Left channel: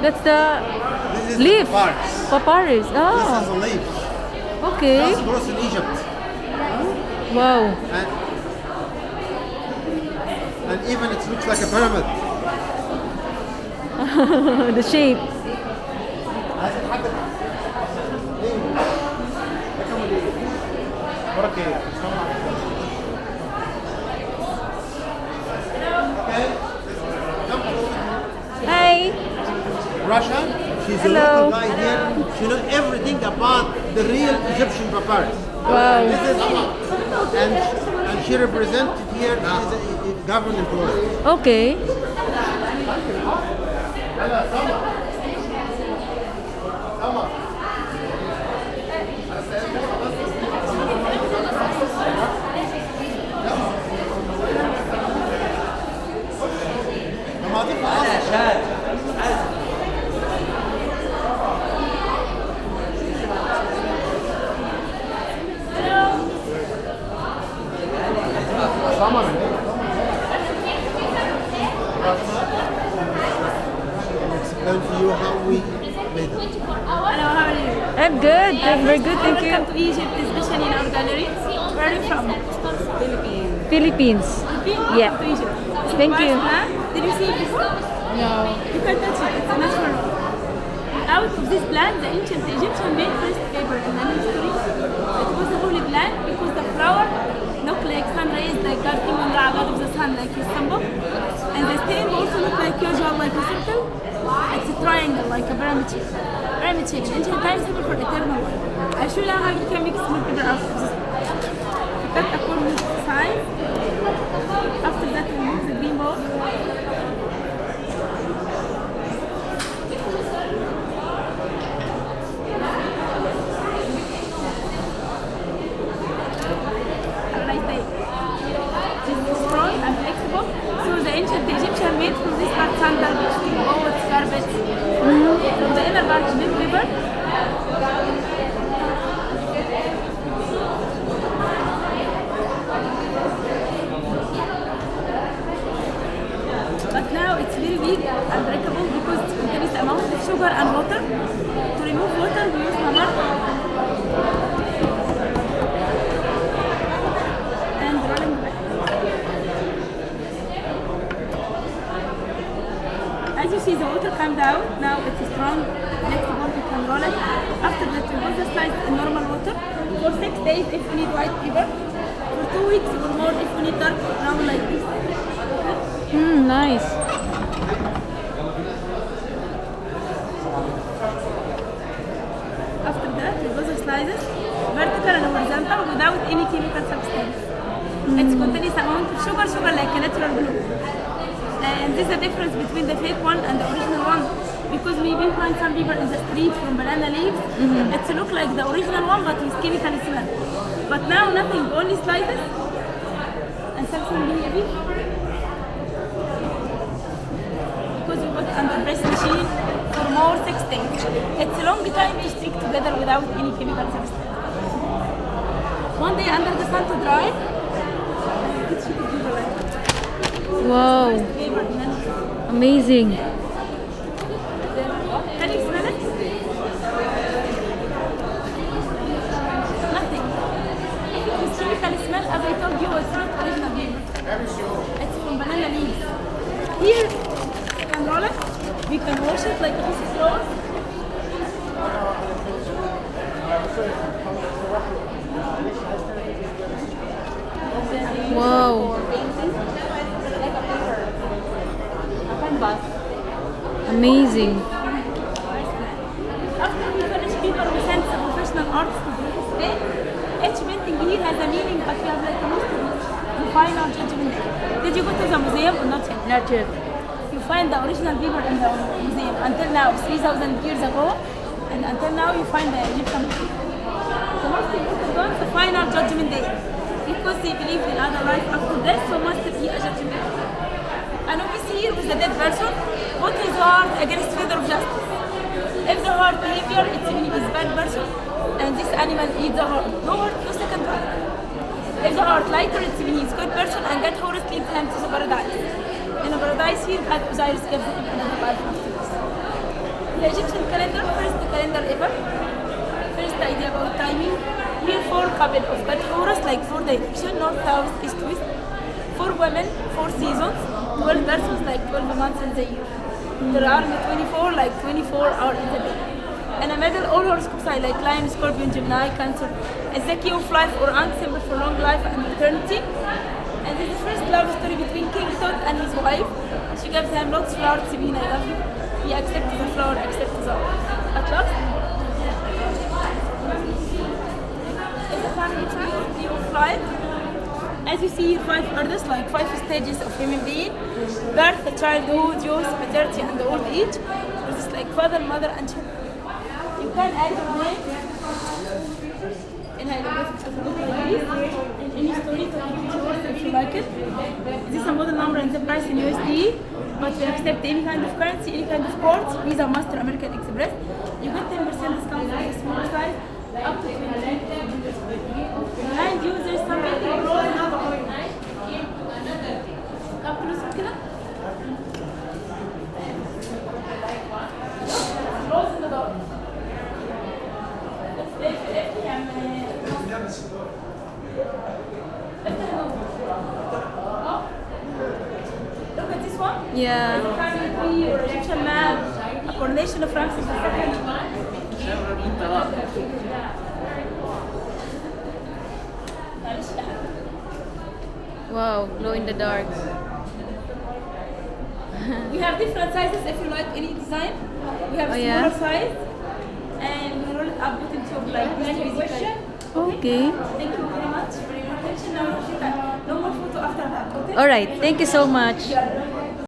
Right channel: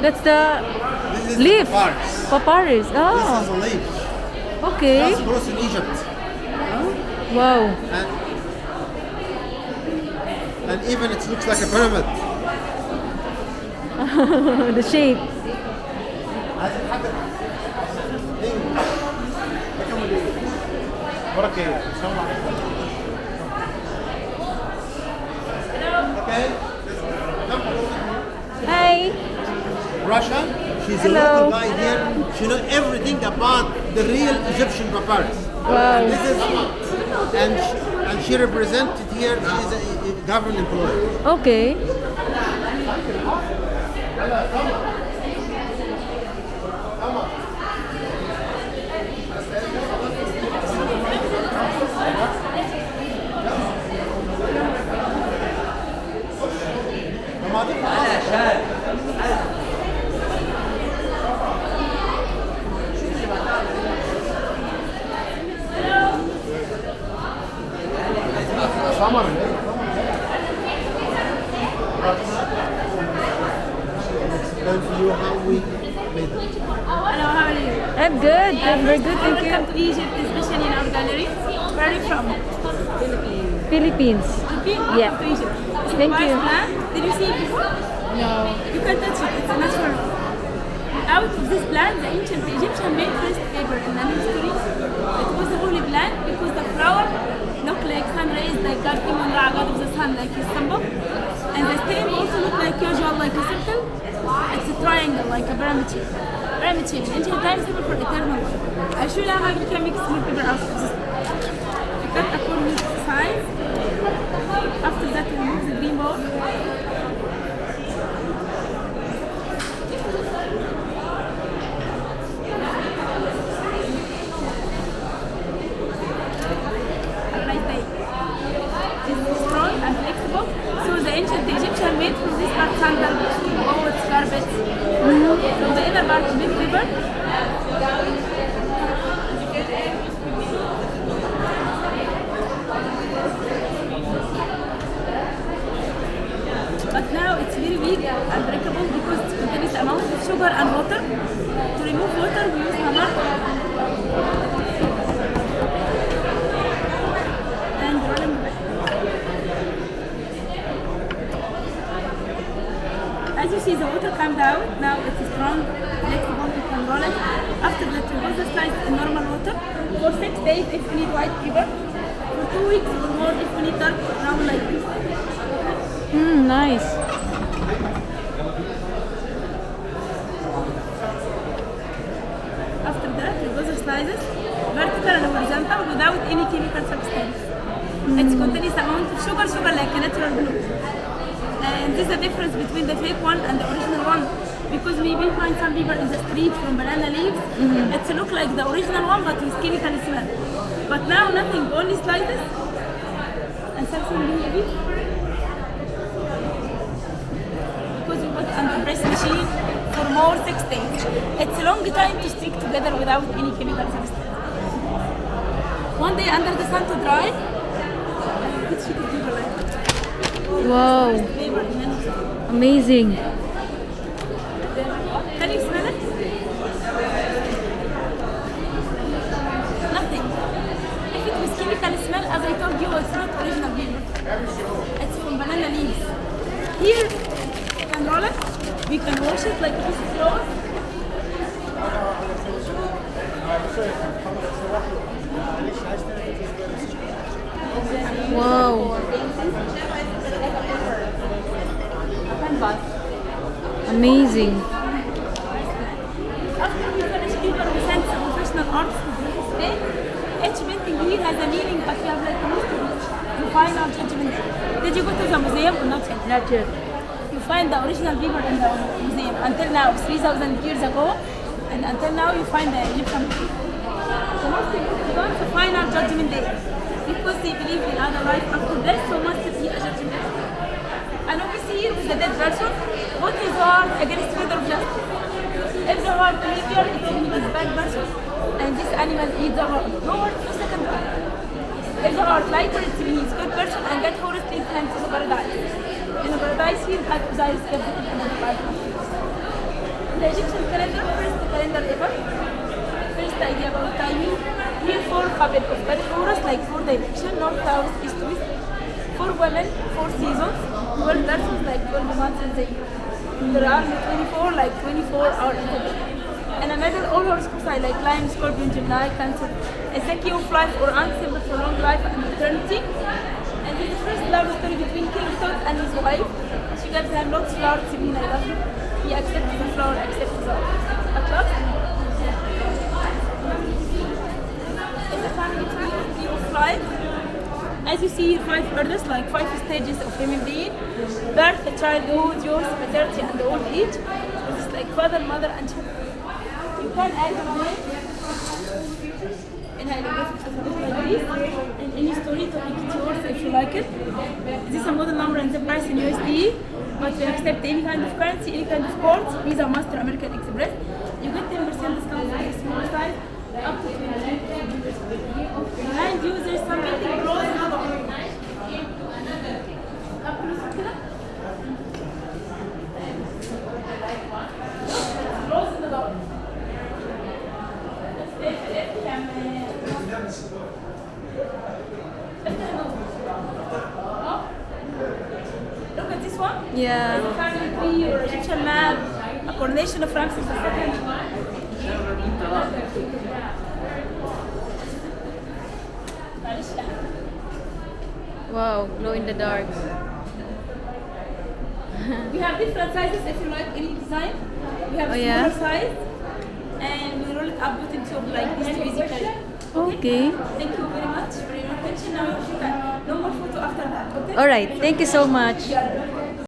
That's the This is leaf. papyrus. Papyrus. This Oh, is a leaf. okay. It grows in Egypt. Wow. And even it looks like a pyramid. The shape. Okay. Come Hi. Russia. She's Hello. a local guy here. She knows everything about the real Egyptian papyrus. Wow. This is, and she represented here as a government lawyer. Okay. Summer. Explain to you how we made it. Hello, how are you? I'm good. I'm very good. Thank Welcome you. to Egypt, especially in our gallery. Where are you from? Philippines. Philippines? Yeah. Welcome to Egypt. It's a Thank papyrus you. plant. Did you see it before? No. You can touch it. It's natural. Out of this plant, the ancient Egyptian made first paper in the history. It was a holy plant because the flower looked like sun rays, like God Imam Ra, God of the sun, like his symbol. And the stem also looked like usual, like a circle. It's a triangle, like a pyramid shape. Pyramid shape. In ancient times, symbol for eternal life. I'll show you how you can make smooth paper out of this. You cut according to the size. After that, remove the green ball. Have a nice day. This is strong and flexible. So the ancient Egyptian made from this part sandals, boats, carpets. From the inner part, big paper. But now it's very weak and breakable because it contains amount of sugar and water. To remove water, we use hammer and rolling back. As you see, the water comes out. Now it's strong, flexible, you can roll it. After that, we put the slice in normal water for 6 days if we need white paper. For 2 weeks or more if we need dark brown like this. Nice. After that, we go the slices, vertical and horizontal, without any chemical substance. It contains amount of sugar like a natural glue. And this is the difference between the fake one and the original one. Because maybe find some people in the street from banana leaves, it look like the original one but with chemical smell. But now nothing, only slices and something really heavy. Because we put under press machine for more 6 days. It's a long time to stick together without any chemical substance. One day under the sun to dry, it should be good like that. Wow. Paper, and then Amazing. can you smell it? Nothing. If it was chemical smell, as I told you, it's not original paper. It's from banana leaves. Here, we can roll it. We can wash it like a piece of flour. Wow. Amazing. After we finish paper, we send some professional artists to participate. Each painting here has a meaning, but we have like a mystery. The final judgment. Did you go to the museum or not yet? Not yet. You find the original paper in the museum. Until now, 3,000 years ago, and until now you find the Egyptian paper. The most important one, the final judgment day. Because they believe in other life after death, so must be a judgment. And obviously here with the dead person, what is heart against fear of justice? If the heart believer, it means a bad person, and this animal eats the heart. Robert, the second one. If the heart liker, it means good person, and that forest takes them to paradise. In paradise here, Osiris is the women, 4 seasons. 12 verses like 12 months in the year. There are 24 like 24 hours in the day. In the middle, all horoscopes are like Lion, Scorpion, Gemini, Cancer. It's the king of life or symbol for long life and eternity. And this is the first love story between King Tut and his wife. She gives him lots of flowers to be I love you. He accepts the flower, accepts the flower. At last, it's a family tree of life. As you see, 5 orders, like 5 stages of human being: birth, childhood, youth, maternity, and old age. This is like father, mother, and children. You can add your name in hieroglyphic alphabet like this in any story to make it yours if you like it. This is a model number and the price in USD, but we accept any kind of currency, any kind of card, Visa, Master, American Express. You get 10% discount for the smaller size, up to 20. Behind you, there's some painting clothes. Close in the door. Look at this one. Yeah. It's a family tree or Egyptian map, a coronation of Francis II. Wow, glow in the dark. We have different sizes if you like any design. We have Oh, smaller yeah? size, and we roll it up with the tube like this to easy carry. Okay. Thank you very much for your attention. Now you can no more photo after that. Okay? All right. Thank you so much. Yeah.